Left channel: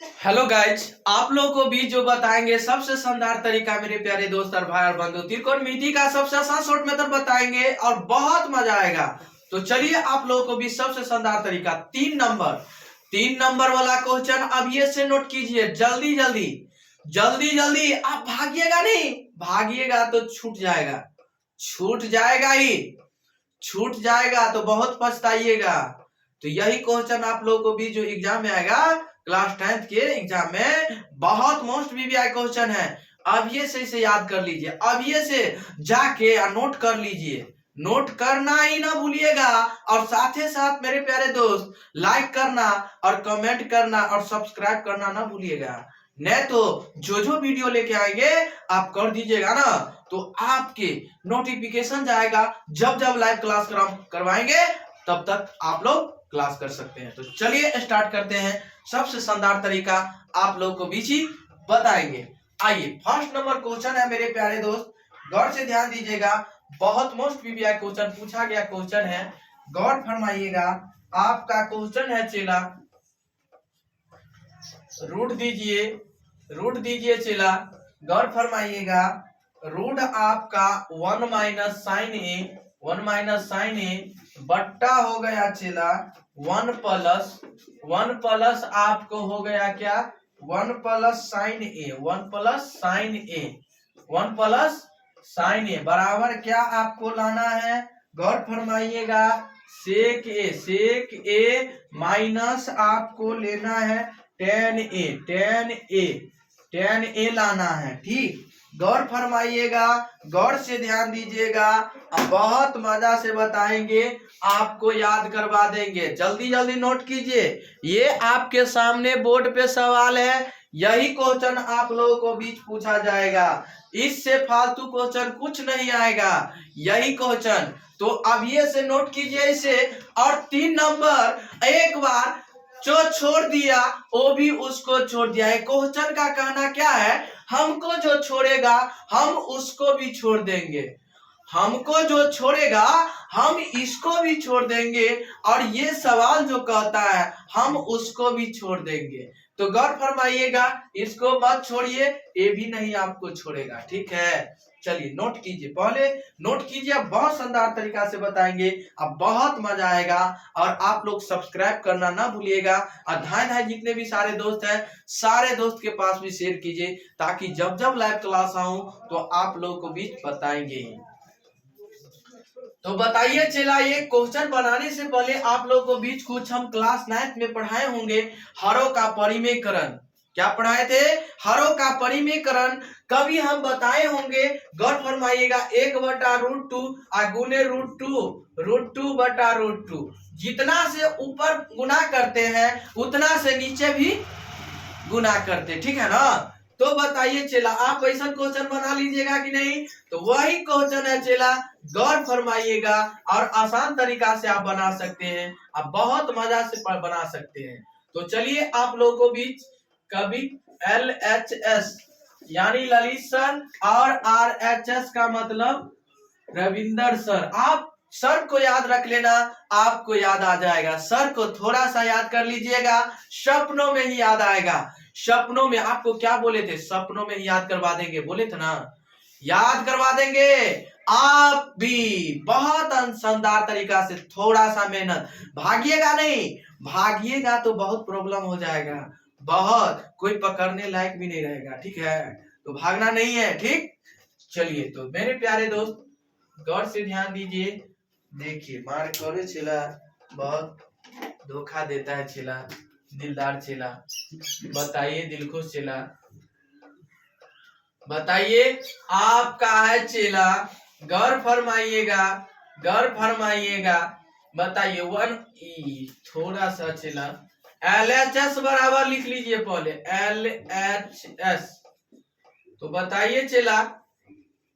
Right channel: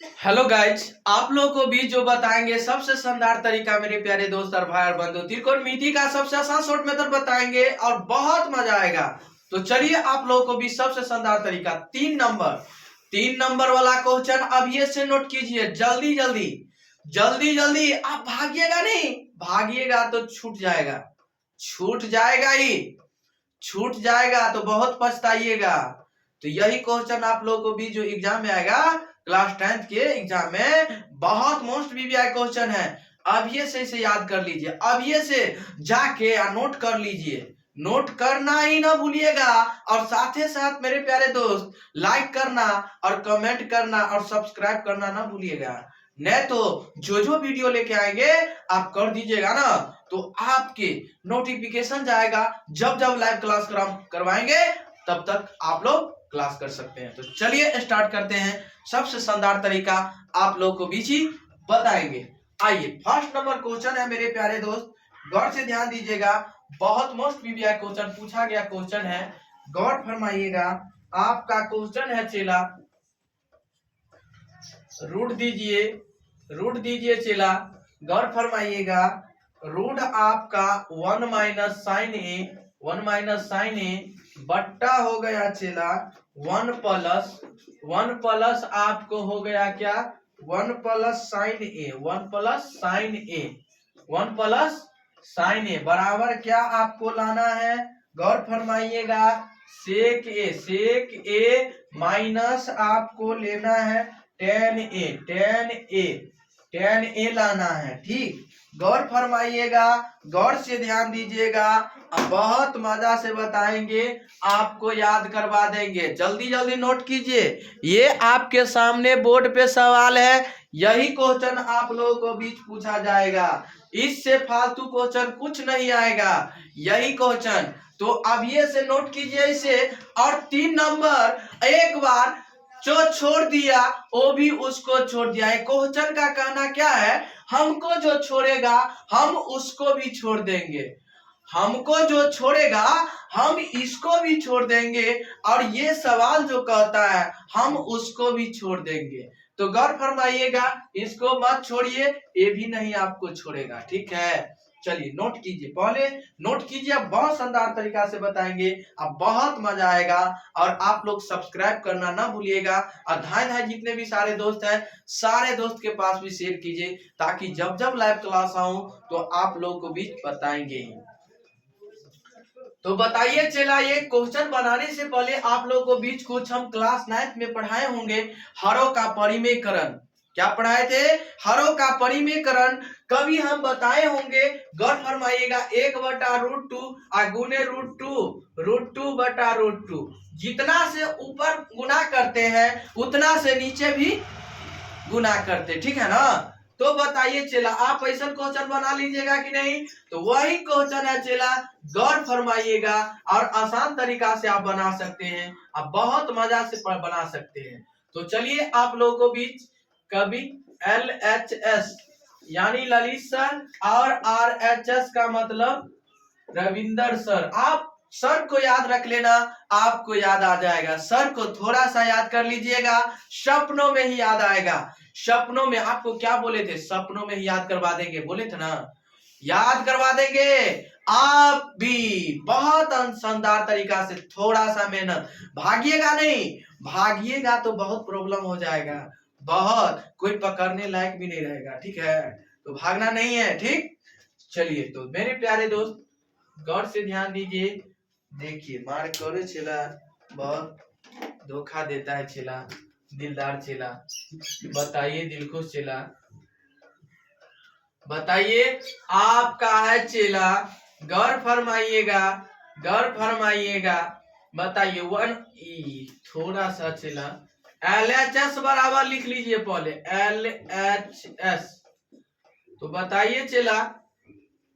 Hello guys, आप लोगों को भी जो बताएंगे सबसे शानदार तरीका मेरे प्यारे दोस्त और भाई और बंधु त्रिकोणमिति का सबसे आसान शॉर्ट मेथड बताएंगे और बहुत मजा आएगा। तो चलिए आप लोगों को भी सबसे शानदार तरीका 3 नंबर वाला क्वेश्चन अब ये से नोट कीजिए। जल्दी जल्दी जल्दी जल्दी, आप भागिएगा नहीं, भागिएगा तो छूट जाएगा, छूट जाएगा ही, छूट जाएगा तो बहुत पछताइएगा। तो यही क्वेश्चन आप लोगों को भी जो एग्जाम में आएगा, क्लास 10th के एग्जाम में बहुत मोस्ट वीवीआई क्वेश्चन है। अब ये से इसे याद कर लीजिए, अब ये से जाके नोट कर लीजिए, नोट करना ही ना भूलिएगा। और साथ ही साथ मेरे प्यारे दोस्त लाइक करना और कमेंट करना और सब्सक्राइब करना ना भूलिएगा, नहीं तो जो जो वीडियो लेके आएंगे आप कर दीजिएगा ना, तो आपके नोटिफिकेशन जाएगा। जब जब लाइव क्लास करवाएंगे तब तक आप लोग क्लास कर सकते हैं। तो चलिए स्टार्ट करते हैं। सबसे शानदार तरीका आप लोग को बीच ही बताएंगे। आइए, फर्स्ट नंबर क्वेश्चन है मेरे प्यारे दोस्त, गौर से ध्यान दीजिएगा। बहुत मोस्ट वीवीआई क्वेश्चन पूछा गया क्वेश्चन है, गौर फरमाइएगा। आपका क्वेश्चन है चेला, रूट दीजिए, रूट दीजिए चेला, गौर फरमाइएगा। रूट आपका 1 माइनस साइन ए, 1 माइनस साइन ए बट्टा हो गया चेला 1 प्लस आपको हो गया क्या, 1 प्लस साइन ए, 1 प्लस साइन ए, 1 प्लस साइन ए बराबर क्या आपको लाना है, गौर फरमाइएगा। सेक ए माइनस आपको लेना है टेन ए लाना है। ठीक, गौर फरमाइएगा, गौर से ध्यान दीजिएगा। अब बहुत मजा से बताएंगे, आपको याद करवा देंगे। जल्दी जल्दी नोट कीजिए, ये आपके सामने बोर्ड पे सवाल है, यही क्वेश्चन आप लोगों को बीच पूछा जाएगा, इससे फालतू क्वेश्चन कुछ नहीं आएगा, यही क्वेश्चन। तो अब ये से नोट कीजिए इसे। और 3 नंबर एक बार जो छोड़ दिया वो भी उसको छोड़ दिया है। क्वेश्चन का कहना क्या है, हमको जो छोड़ेगा हम उसको भी छोड़ देंगे, हमको जो छोड़ेगा हम इसको भी छोड़ देंगे, और ये सवाल जो कहता है हम उसको भी छोड़ देंगे। तो गौर फरमाइएगा, इसको मत छोड़िए, ये भी नहीं आपको छोड़ेगा। ठीक है, चलिए नोट कीजिए, पहले नोट कीजिए, अब बहुत शानदार तरीका से बताएंगे, अब बहुत मजा आएगा। और आप लोग सब्सक्राइब करना ना भूलिएगा, और धाय जितने भी सारे दोस्त हैं सारे दोस्त के पास भी शेयर कीजिए, ताकि जब जब लाइव क्लास आऊं तो आप लोगों को भी बताएंगे। तो बताइए चला, ये क्वेश्चन बनाने से पहले आप लोगों को बीच कुछ हम क्लास 9th में पढ़ाए होंगे, हरों का परिमेयकरण। क्या पढ़ाए थे, हरों का परिमेयकरण। कभी हम बताए होंगे, गौर फरमाइएगा, 1/√2 गुने √2 बटा √2, जितना से ऊपर गुना करते हैं उतना से नीचे भी गुना करते, ठीक है ना। तो बताइए चेला, आप ऐसा क्वेश्चन बना लीजिएगा कि नहीं। तो वही क्वेश्चन है चेला, गौर फरमाइएगा, और आसान तरीका से आप बना सकते हैं, आप बहुत मजा से बना सकते हैं। तो चलिए आप लोगों को बीच कभी LHS यानी ललित सर, और RHS का मतलब रविंदर सर। आप सर को याद रख लेना, आपको याद आ जाएगा। सर को थोड़ा सा याद कर लीजिएगा, सपनों में ही याद आएगा। सपनों में आपको क्या बोले थे, सपनों में ही याद करवा देंगे, बोले थे ना, याद करवा देंगे। आप भी बहुत शानदार तरीका से, थोड़ा सा मेहनत, भागिएगा नहीं, भागिएगा तो बहुत प्रॉब्लम हो जाएगा, बहुत कोई पकड़ने लायक भी नहीं रहेगा। ठीक है, तो भागना नहीं है। ठीक, चलिए तो मेरे प्यारे दोस्त गौर से ध्यान दीजिए। देखिए, मार करो चेला, बहुत धोखा देता है चेला, दिलदार चेला। बताइए दिलखुश चेला, बताइए आपका है चेला, गौर फरमाइएगा, गौर फरमाइएगा। बताइए थोड़ा सा चेला, LHS बराबर लिख लीजिए पहले, LHS। तो बताइए चेला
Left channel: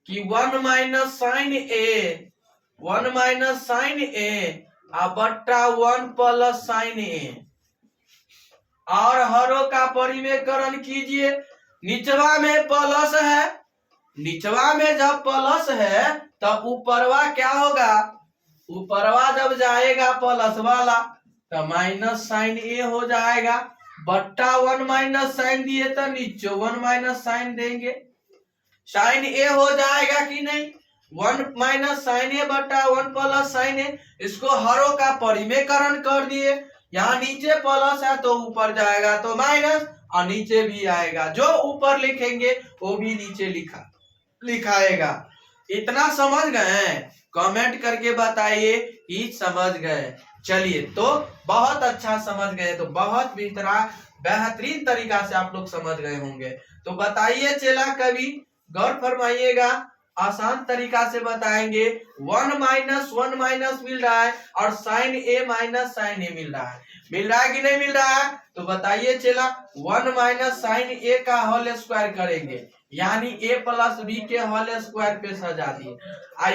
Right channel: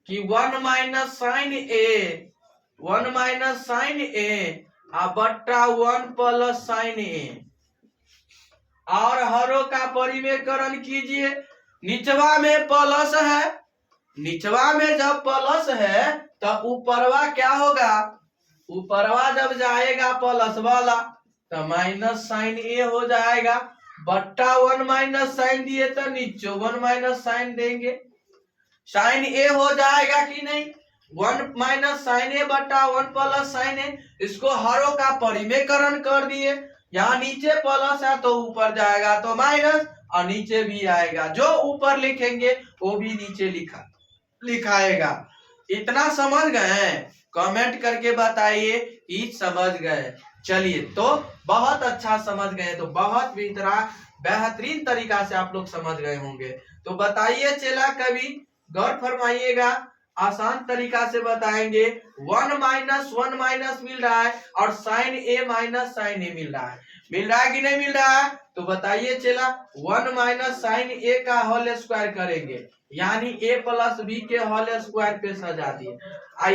कि 1 माइनस साइन ए, 1 माइनस साइन ए बट्टा 1 प्लस साइन ए, और हरों का परिमेयकरण कीजिए। निचवा में प्लस है, निचवा में जब प्लस है तो ऊपरवा क्या होगा, ऊपरवा जब जाएगा प्लस वाला तो माइनस साइन ए हो जाएगा। बट्टा 1 माइनस साइन दिए तो नीचे 1 माइनस साइन देंगे, साइन ए हो जाएगा कि नहीं, 1 माइनस साइन ए बट्टा 1 प्लस साइन ए, इसको हरों का परिमेयकरण कर दिए, यहाँ नीचे प्लस है तो ऊपर जाएगा तो माइनस, और नीचे भी आएगा, जो ऊपर लिखेंगे वो भी नीचे लिखाएगा। इतना समझ गए? कमेंट करके बताइए कि समझ गए। चलिए, तो बहुत अच्छा समझ गए, तो बहुत बेहतरीन तरीका से आप लोग समझ गए होंगे। तो बताइए चला, कभी गौर फरमाइएगा, आसान तरीका से बताएंगे। 1 माइनस मिल रहा है और साइन ए माइनस साइन ए मिल रहा है कि नहीं मिल रहा है? तो बताइए चला, 1 माइनस साइन ए का होल स्क्वायर करेंगे, यानी ए प्लस बी के होल स्क्वायर पे सजा दिए।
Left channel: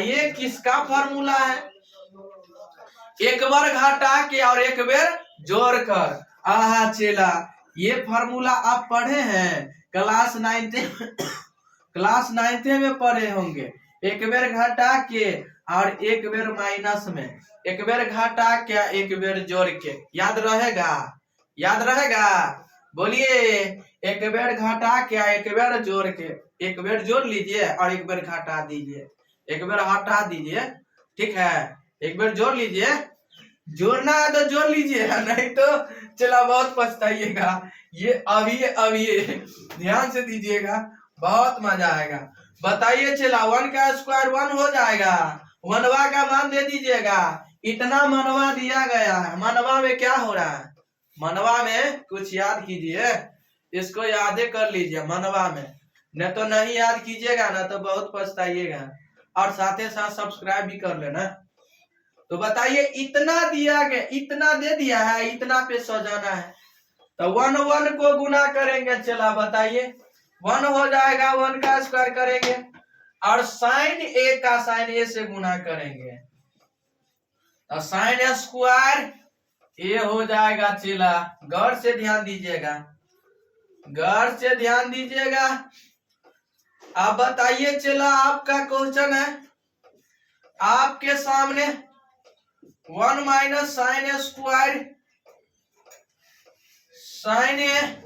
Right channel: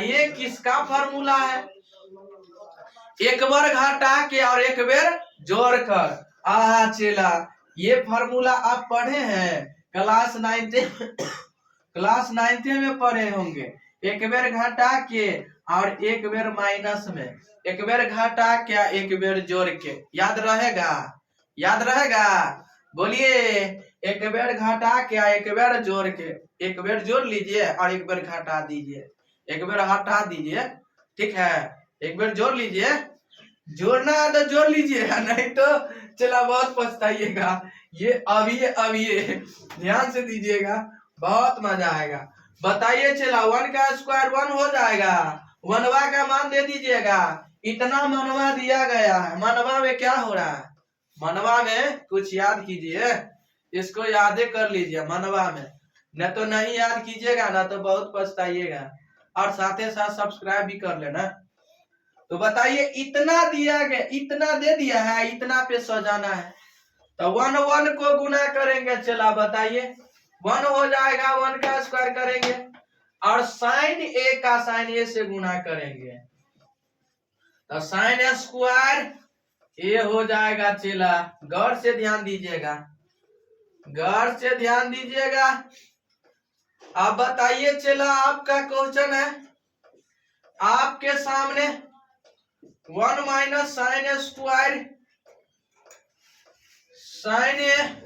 ये किसका फॉर्मूला है? एक बार घटा के और एक बार जोड़ कर। आहा चला, ये फॉर्मूला आप पढ़े हैं क्लास 9th में पढ़े होंगे। एक बार घटा के और एक बार माइनस में, एक बार घटा के एक बार जोड़ के, याद रहेगा? याद रहेगा? बोलिए, एक बार घटा के एक बार जोड़ के, एक बार जोड़ लीजिए और एक बार घटा दीजिए, एक बार हटा दीजिए, ठीक है? एक बार जोड़ लीजिए, जोड़ना है तो जोड़ लीजिए, नहीं तो चला बहुत पछताइएगा। ये अभी ध्यान से दीजिएगा, बहुत मजा आएगा। बताइए चला, 1 का स्क्वायर 1 हो जाएगा, मनवा का मान दे दीजिएगा। इतना मनवा दिया गया है, मनवा में क्या हो रहा है? मनवा में कुछ याद कीजिए, इसको यादें कर लीजिए मनवा में, न तो नहीं याद कीजिएगा ना तो बहुत पछताइएगा। और साथ ही साथ सब्सक्राइब भी कर लेना। तो बताइए, इतना दिया गया, इतना दे दिया है, इतना पे सजाना है, तो 1 को गुना करेंगे। चला बताइए, 1 हो जाएगा, 1 का स्क्वायर करेंगे और साइन ए का साइन ए से गुना करेंगे, तो साइन स्क्वायर ए हो जाएगा। चला गौर से ध्यान दीजिएगा, गौर से ध्यान दीजिएगा। आप बताइए चला, आपका क्वेश्चन है आपके सामने, 1 माइनस साइन स्क्वायर साइन ए,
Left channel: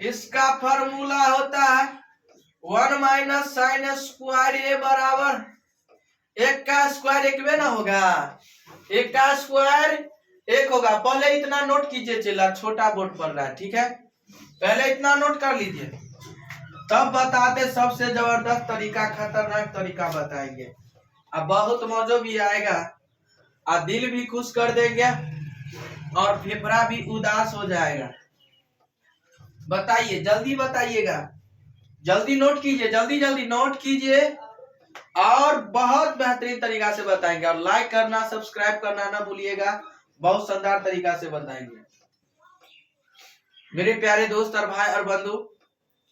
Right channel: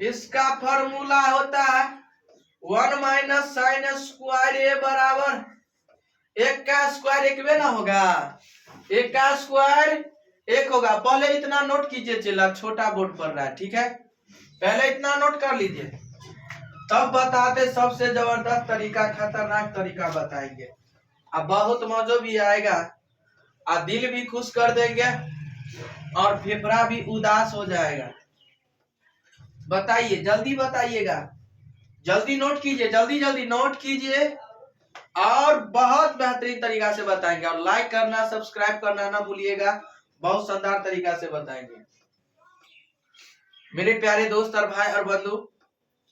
इसका फॉर्मूला होता है 1 माइनस साइन स्क्वायर ए बराबर, एक का स्क्वायर एक में ना होगा, एक का स्क्वायर एक होगा। पहले इतना नोट कीजिए चला, छोटा बोर्ड पर रहा है, ठीक है? पहले इतना नोट कर लीजिए, तब बताते सबसे जबरदस्त तरीका, खतरनाक तरीका बताएंगे। अब बहुत मजा भी आएगा, और दिल भी खुश कर देंगे और फेफड़ा भी उदास हो जाएगा। बताइए, जल्दी बताइएगा, जल्दी नोट कीजिए, जल्दी नोट कीजिए, और बहुत बेहतरीन तरीका से बताएंगे। और लाइक करना, सब्सक्राइब करना ना भूलिएगा, बहुत शानदार तरीका से बताएंगे। मेरे प्यारे दोस्त और भाई और बंधु,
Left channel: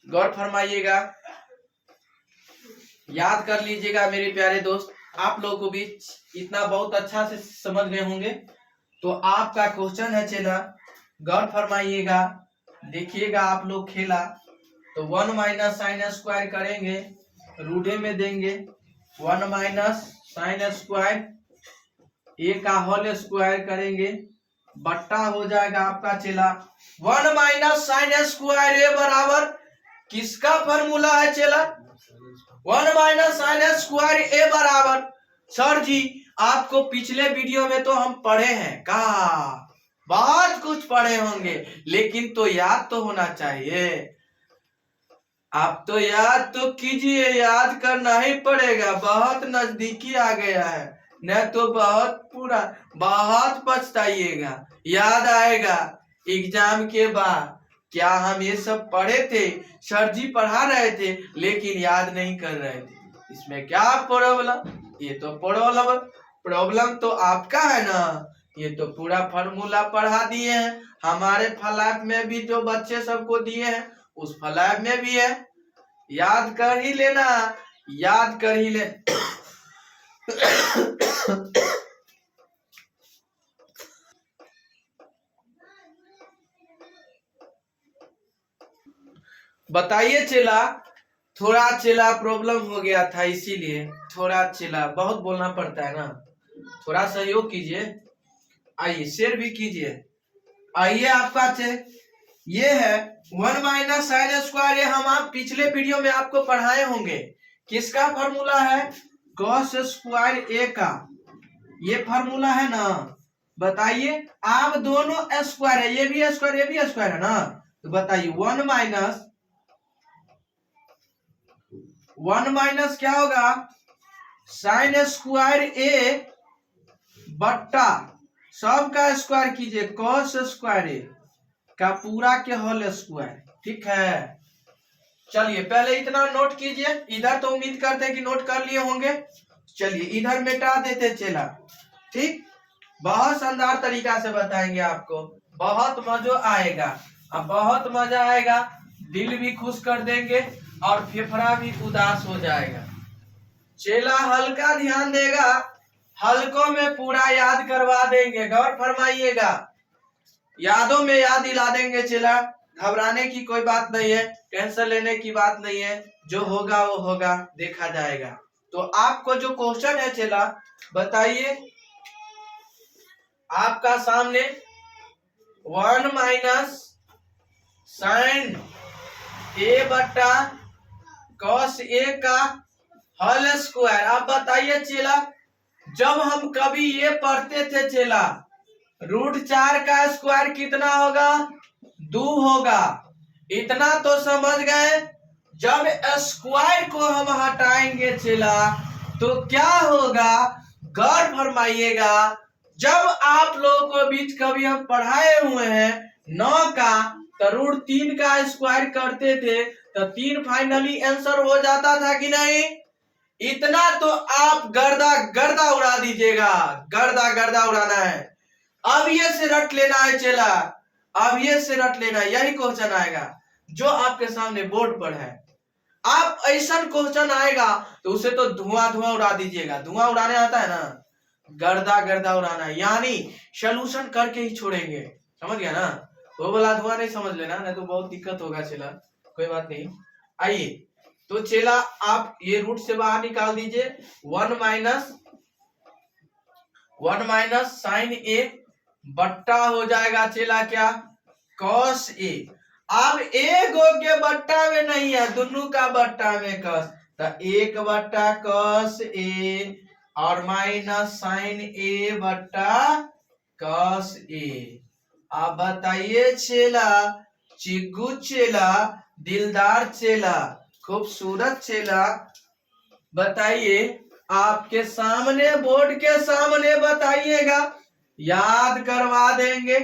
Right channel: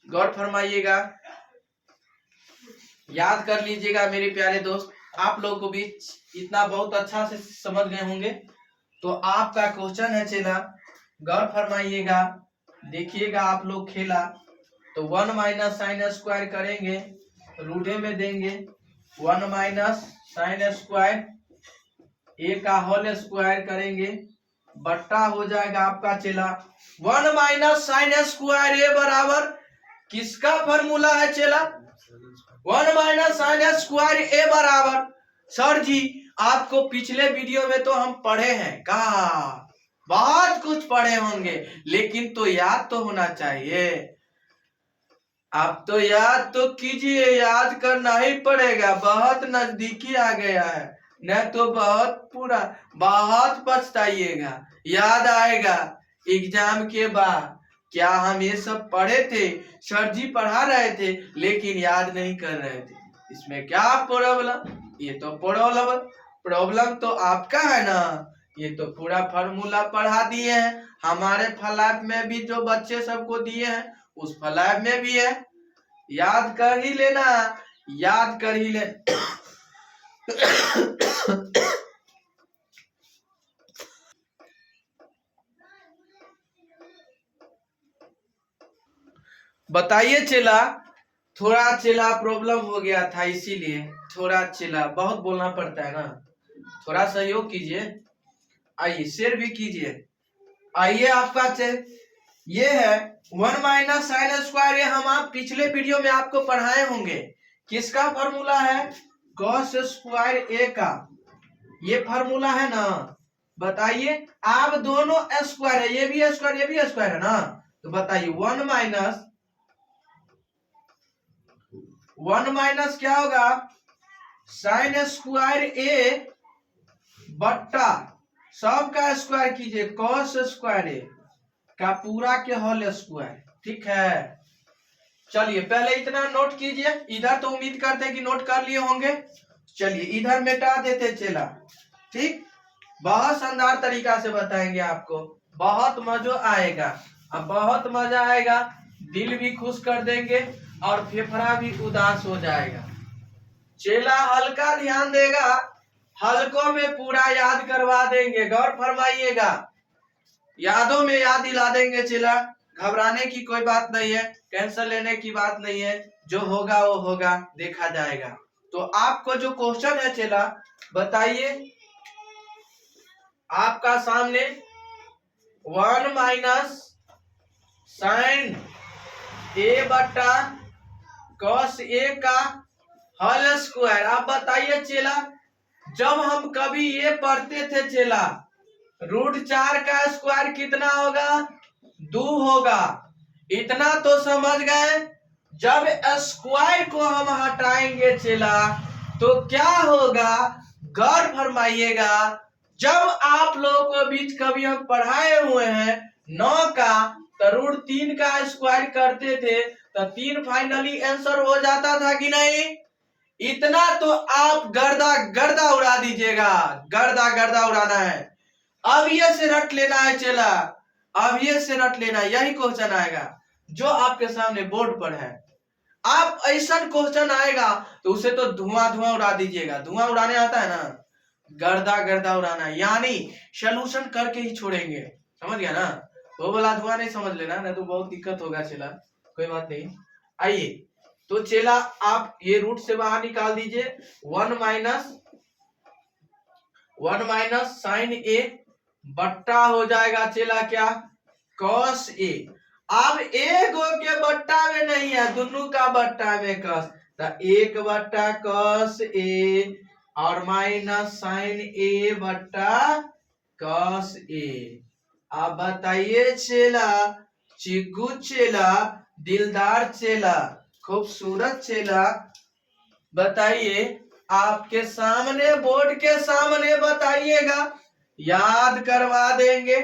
गौर फरमाइएगा, याद कर लीजिएगा मेरे प्यारे दोस्त। आप लोगों को भी इतना बहुत अच्छा से समझ गए होंगे। तो आपका क्वेश्चन है चला, गौर फरमाइएगा, देखिएगा आप लोग खेला। तो 1 माइनस साइन स्क्वायर करेंगे, रूढ़े में देंगे 1 माइनस साइन स्क्वायर ए का होल स्क्वायर करेंगे, बट्टा हो जाएगा आपका चला 1 माइनस साइन स्क्वायर ए बराबर, किसका फॉर्मूला है चला? 1 माइनस साइन स्क्वायर ए बराबर, सर जी आपको पिछले वीडियो में तो हम पढ़े हैं, कहा बहुत कुछ पढ़े होंगे, लेकिन तो याद तो होना चाहिए। आप तो याद तो कीजिए, याद करना ही पड़ेगा, बहुत नजदीकी आ गया है, न तो बहुत पछताइएगा। याद आएगा एग्जाम के बाद, क्या हम ये सब पढ़े थे, सर जी पढ़ा रहे थे लेकिन याद नहीं कर रहे थे, इसमें क्या प्रॉब्लम? ये तो प्रॉब्लम तो आपका है ना। ये तो पूरा फॉर्मूला पढ़ा दिए हैं, हमारे फ्लैप में भी जो बच्चे सबको दिए हैं उस फ्लैप में भी है, याद कर ही लेना, याद कर ही ले। बताइए चला, थोड़ा चला प्रॉब्लम हो गया था, इसीलिए थोड़ा चला बहुत बोलना पड़ता है ना, थोड़ा सहयोग कीजिए। आइए शेयर भी कीजिए। आइए आपका ये है 1 माइनस साइन स्क्वायर, ये हम आप पिछले वीडियो में आपको पढ़ाए होंगे। किसका फॉर्मूला है? कॉस स्क्वायर ए का। ये फॉर्मूला है ना, बताइए। आप दोनों स्क्वायर है, ये भी स्क्वायर ये भी स्क्वायर है ना, तो बताइए 1 माइनस क्या होगा? साइन स्क्वायर ए बट्टा सबका स्क्वायर कीजिए कॉस स्क्वायर ए का पूरा के होल स्क्वायर। ठीक है, चलिए पहले इतना नोट कीजिए। इधर तो उम्मीद करते हैं कि नोट कर लिए होंगे। चलिए इधर मिटा देते चला। ठीक, बहुत शानदार तरीका से बताएंगे आपको, बहुत मजा आएगा। अब बहुत मजा आएगा, दिल भी खुश कर देंगे और फेफड़ा भी उदास हो जाएगा। चेला हल्का ध्यान देगा, हल्कों में पूरा याद करवा देंगे। गौर फरमाइएगा, यादों में याद दिला देंगे चेला। घबराने की कोई बात नहीं है, टेंशन लेने की बात नहीं है, जो होगा वो होगा, देखा जाएगा। तो आपको जो क्वेश्चन है चेला, बताइए। आपका सामने 1 माइनस साइन ए बट्टा कॉस ए का होल स्क्वायर। आप बताइए चेला, जब हम कभी ये पढ़ते थे चेला, √4 का स्क्वायर कितना होगा? 2 होगा। इतना तो समझ गए। जब स्क्वायर को हम हटाएंगे चेला तो क्या होगा? गौर फरमाइएगा। जब आप लोगों को बीच कभी हम पढ़ाए हुए हैं 9 का, तो √3 का स्क्वायर करते थे तो 3 फाइनली आंसर हो जाता था कि नहीं? इतना तो आप गर्दा गर्दा उड़ा दीजिएगा, गर्दा गर्दा उड़ाना है। अब ये से रट लेना है चेला, अब ये से रट लेना, यही क्वेश्चन आएगा जो आपके सामने बोर्ड पर है। आप ऐसा क्वेश्चन आएगा तो उसे तो धुआं धुआं उड़ा दीजिएगा। धुआं उड़ाने आता है ना, गर्दा गर्दा उड़ाना, यानी सोल्यूशन करके ही छोड़ेंगे। समझ गया ना? वो बोला धुआं नहीं समझ लेना, नहीं तो बहुत दिक्कत होगा चेला। कोई बात नहीं, आइए। तो चेला आप ये रूट से बाहर निकाल दीजिए। 1 माइनस साइन ए बट्टा हो जाएगा चेला क्या? Cos A. अब एक के बट्टा में नहीं है, दोनों का बट्टा में कॉस, तो 1 बट्टा कॉस ए और माइनस साइन ए बट्टा कॉस ए। आप बताइए चेला, चिग्गू चेला, दिलदार चेला, खूबसूरत चेला, बताइए। आपके सामने बोर्ड के सामने बताइएगा, याद करवा देंगे,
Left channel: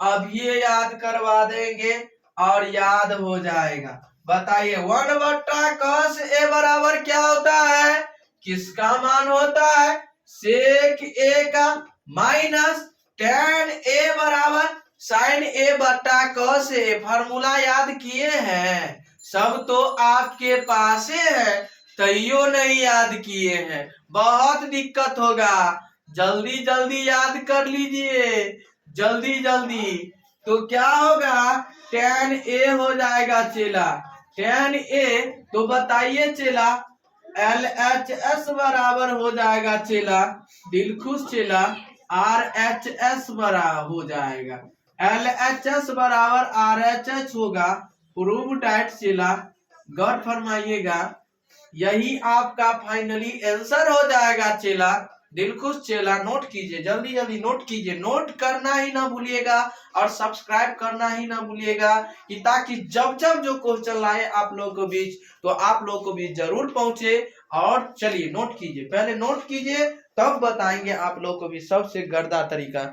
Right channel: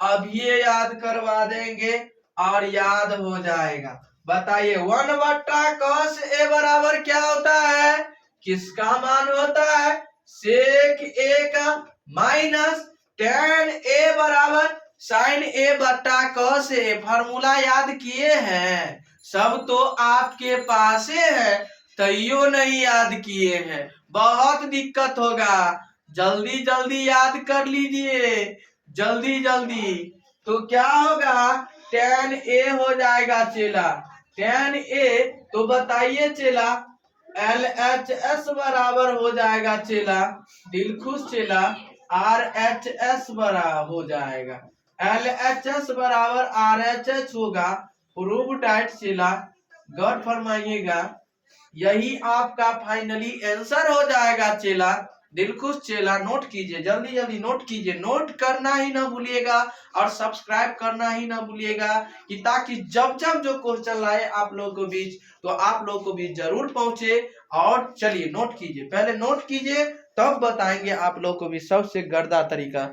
अभी याद करवा देंगे और याद हो जाएगा। बताइए 1 बट्टा कॉस ए बराबर क्या होता है? किसका मान होता है? सेक ए का, माइनस tan ए बराबर साइन ए बट्टा कॉस ए। फॉर्मूला याद किए हैं? सब तो आपके पास है, तैयो नहीं याद किए हैं, बहुत दिक्कत होगा। जल्दी जल्दी याद कर लीजिए, जल्दी जल्दी। तो क्या होगा? tan ए हो जाएगा चेला, tan ए। तो बताइए चेला, LHS बराबर हो जाएगा चेला, दिलखुश चेला, RHS बराबर हो जाएगा। LHS बराबर RHS होगा, प्रूव टाइट चेला। गौर फरमाइएगा, यही आपका फाइनली आंसर हो जाएगा चेला। दिलखुश चेला, नोट कीजिए, जल्दी जल्दी नोट कीजिए। नोट करना ही ना भूलिएगा और सब्सक्राइब करना ही ना भूलिएगा, कि ताकि जब जब जो क्वेश्चन लाए आप लोगों को बीच, तो आप लोगों को बीच जरूर पहुंचे। और चलिए नोट कीजिए, पहले नोट कीजिए, तब बताएंगे आप लोगों को भी सबसे गर्दा तरीका।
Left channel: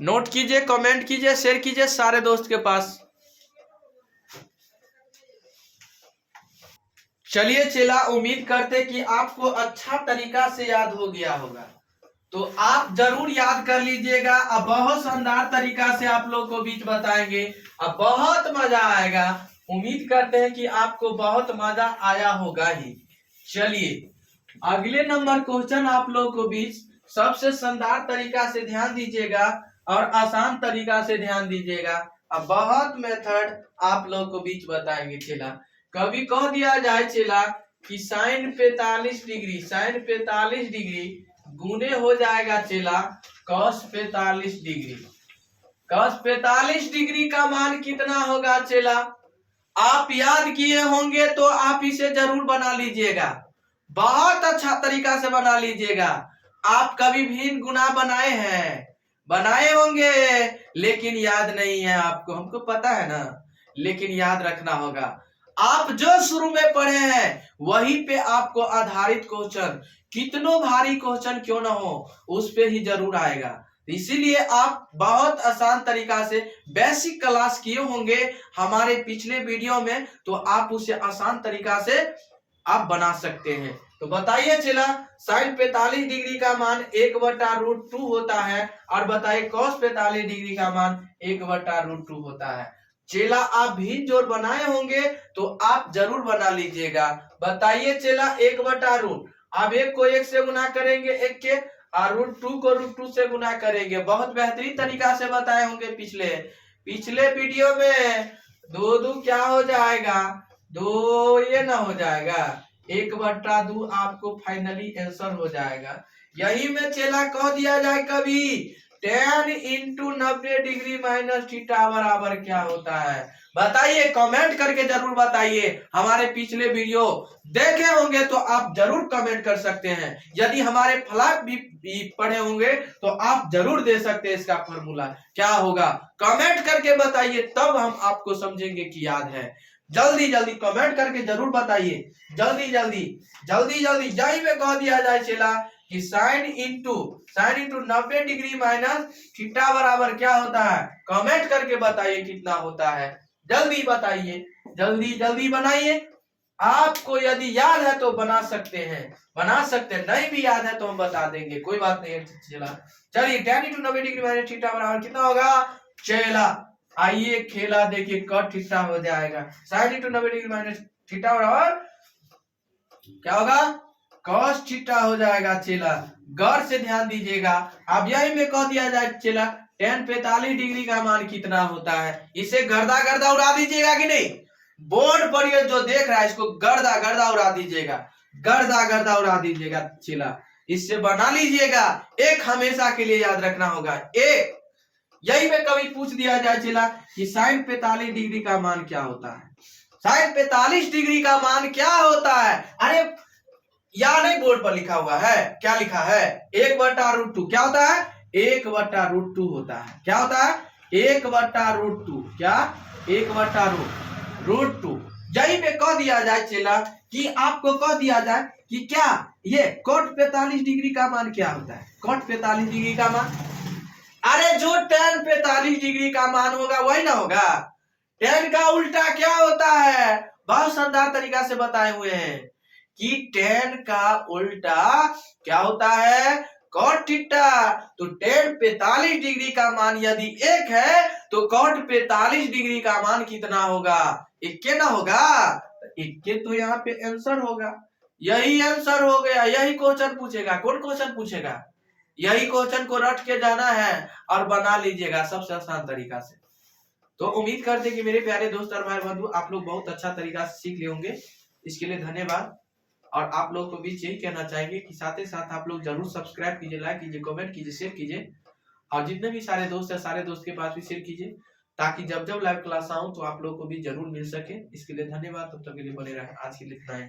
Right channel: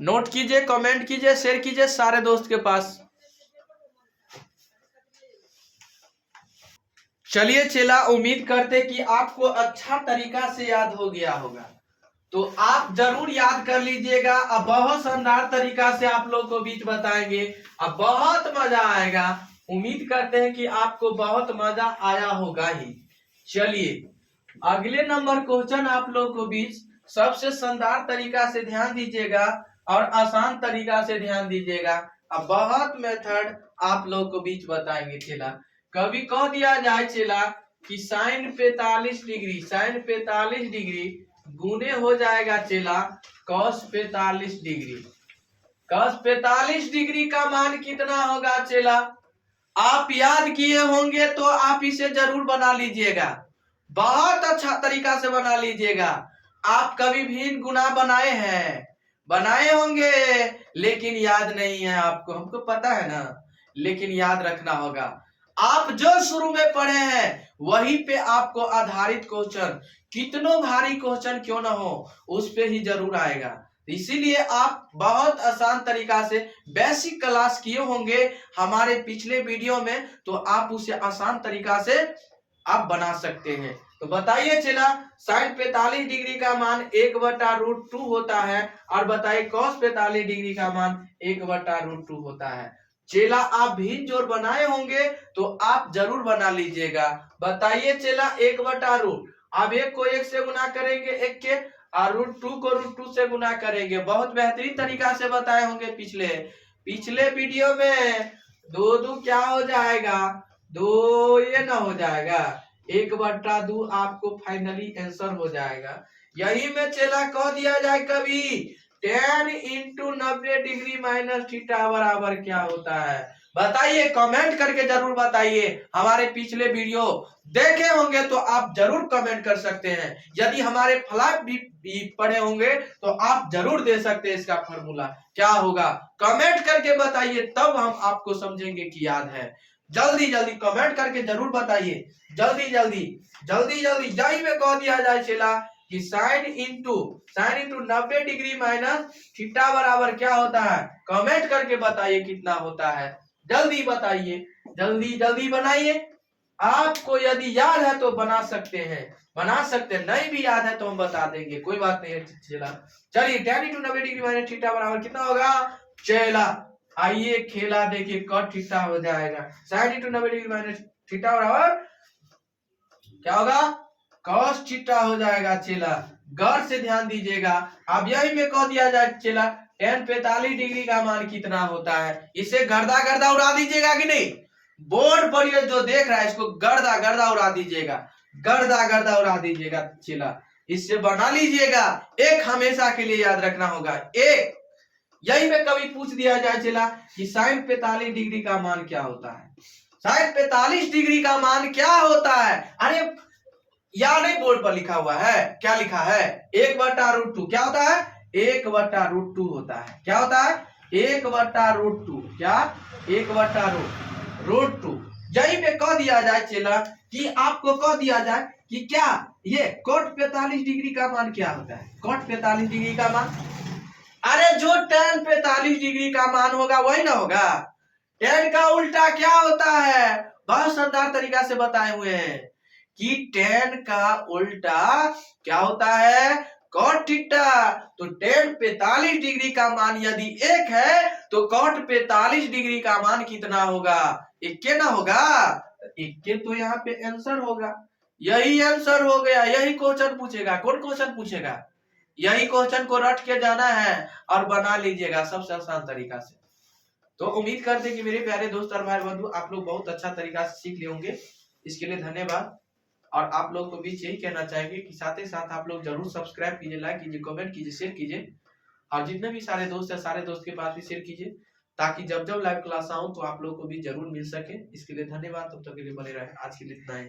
नोट कीजिए, कमेंट कीजिए, शेयर कीजिए सारे दोस्त के पास। चलिए चेला, उम्मीद करते कि आपको अच्छा तरीका से याद हो गया होगा, तो आप जरूर याद कर लीजिएगा। अब बहुत शानदार तरीका से आप लोग को बीच बताएंगे, अब बहुत मजा आएगा। उम्मीद करते हैं कि आपको बहुत मजा आया होगा ही। चलिए अगले नंबर क्वेश्चन आप लोग को बीच सबसे शानदार तरीका से ध्यान दीजिएगा और आसान तरीका से ध्यान दीजिएगा। अब बहुत मेथड आप लोग को बीच बताएंगे चेला। कभी कह दिया जाए चला कि साइन 45 डिग्री गुने हो जाएगा चला कॉस 45 डिग्री। कॉस 45 डिग्री का मान कितना होगा चला? आप याद किए होंगे तो आप इसे जरूर बना लीजिएगा, बहुत अच्छा तरीका से बना लीजिएगा। आप कभी भी गुना बनाए हैं, बनाए होंगे, लेकिन याद नहीं है आपको, हमको पता है ना, लेकिन याद रखना होगा। आप जो शुरू में पढ़े हैं वही पे आपको आधारित क्वेश्चन, कितनों भारी क्वेश्चन क्यों ना हो, उस पे ही जरूर आएगा। इसीलिए आप बहुत आसान तरीका से बेसिक क्लास किए होंगे हमारे पिछले वीडियो में, तो आप उसे आसान तरीका से आप बना सकते हैं। तो बताइए चला साइन 45 डिग्री का मान 1/√2 होता है, और बताइए कॉस 45 डिग्री का मान 1/√2 होता है। चेला आप भी जोड़ बनाए होंगे तो आप जरूर बना लीजिएगा। बताइए चेला 1/√, आप एक को एक से गुना करेंगे एक के, और √2 को √2 से गुना करेंगे। बहुत बेहतरीन तरीका से बताए होंगे पिछले वीडियो में। 2 क्या हो जाएगा? 2 ये ना हो जाएगा, 1/2 आपको फाइनली आंसर हो जाएगा। यही में चेला कह दिया जाए कभी 10 × 90 डिग्री माइनस थीटा बराबर क्या होता है? बताइए, कमेंट करके जरूर बताइए। हमारे पिछले वीडियो देखे होंगे तो आप जरूर कमेंट कर सकते हैं। यदि हमारे फ्लैग भी पढ़े होंगे तो आप जरूर दे सकते हैं। इसका फॉर्मूला क्या होगा कमेंट करके बताइए, तब हम आपको समझेंगे कि याद है। जल्दी जल्दी कमेंट करके जरूर बताइए, जल्दी जल्दी जल्दी जल्दी। यही में कह दिया जाए चला कि sine into 90 degree minus theta बराबर क्या होता है? कमेंट करके बताइए कितना होता है। जल्दी बताइए, जल्दी जल्दी बनाइए। आपको यदि याद है तो बना सकते हैं, बना सकते हैं, नहीं भी याद है तो हम बता देंगे, कोई बात नहीं है। चला चलिए 10 × 90 डिग्री माइनस थीटा बराबर कितना होगा? चला आइए खेला देखिए, कट थीटा हो जाएगा। साइन × 90 डिग्री माइनस थीटा बराबर क्या होगा? कॉस थीटा हो जाएगा। चेला गौर से ध्यान दीजिएगा। अब यही में कह दिया जाए चेला tan 45 डिग्री का मान कितना होता है? इसे गर्दा गर्दा उड़ा दीजिएगा कि नहीं? बोर्ड पर ये जो देख रहा है इसको गर्दा गर्दा उड़ा दीजिएगा, गर्दा गर्दा उड़ा दीजिएगा। चेला इससे बना लीजिएगा, एक हमेशा के लिए याद रखना होगा एक। यही में कभी पूछ दिया जाए चेला कि साइन 45 डिग्री का मान क्या होता है? साइन 45 डिग्री का मान क्या होता है? अरे या नहीं, बोर्ड पर लिखा हुआ है, क्या लिखा है? 1/√2 क्या होता है? 1/√2 होता है। क्या होता है? 1/√2 क्या? 1/√2। यही पे कह दिया जाए चला कि आपको कह दिया जाए कि क्या ये cot 45 डिग्री का मान क्या होता है? cot 45 डिग्री का मान, अरे जो tan 45 डिग्री का मान होगा वही ना होगा। tan का उल्टा क्या होता है? बहुत शानदार तरीका से बताए हुए हैं कि tan का उल्टा क्या होता है? cot theta. तो tan 45 डिग्री का मान यदि 1 है तो cot 45 डिग्री का मान कितना होगा? 1 ना होगा? 1 तो यहाँ पे आंसर होगा। यही आंसर हो गया। यही क्वेश्चन पूछेगा। कौन क्वेश्चन पूछेगा? यही क्वेश्चन को रट के जाना है और बना लीजिएगा सबसे आसान तरीका से। तो उम्मीद करते कि मेरे प्यारे दोस्त और भाई बंधु आप लोग बहुत अच्छा तरीका से सीख लिए होंगे। इसके लिए धन्यवाद। और आप लोग को भी यही कहना चाहेंगे कि साथ ही साथ आप लोग जरूर सब्सक्राइब कीजिए, लाइक कीजिए, कमेंट कीजिए, शेयर कीजिए, और जितने भी सारे दोस्त है सारे दोस्त के पास भी शेयर कीजिए, ताकि जब जब लाइव क्लास आऊं तो आप लोग को भी जरूर मिल सके। इसके लिए धन्यवाद। तब तक के लिए बने रहे। आज के लिए इतना ही।